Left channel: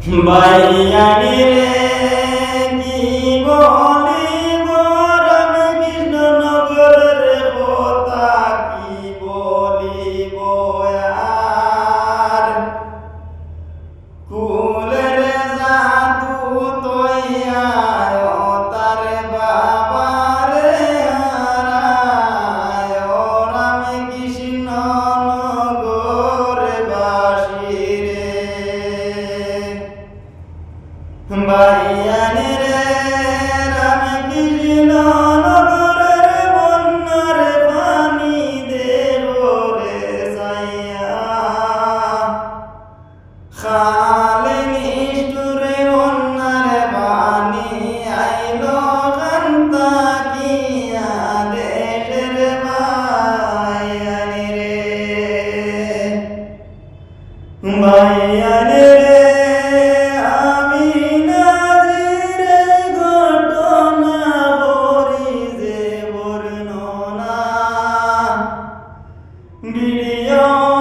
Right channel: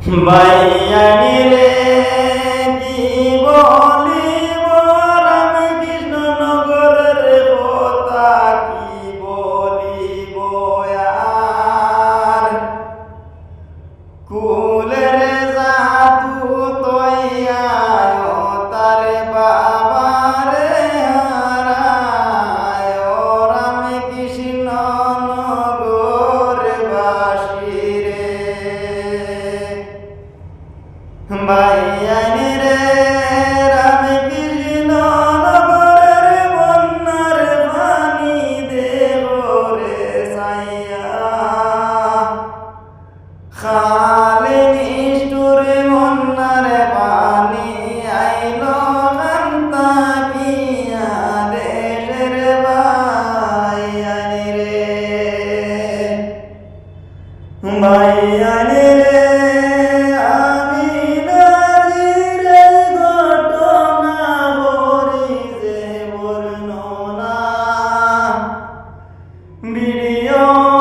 বাইয়ানি রে কি বলিব? রামকৃষ্ণ নগরের কথা কি বলিব? বাইয়ানি রে রাম কৃষ্ণ নগরের বন্যার পানি দেব রে সাইয়া খালে নিষ্ঠুরে বন্যারে পানি আইলো কান্তা কিয়া দেশের বাইয়ানি রে বাইয়ানি 有。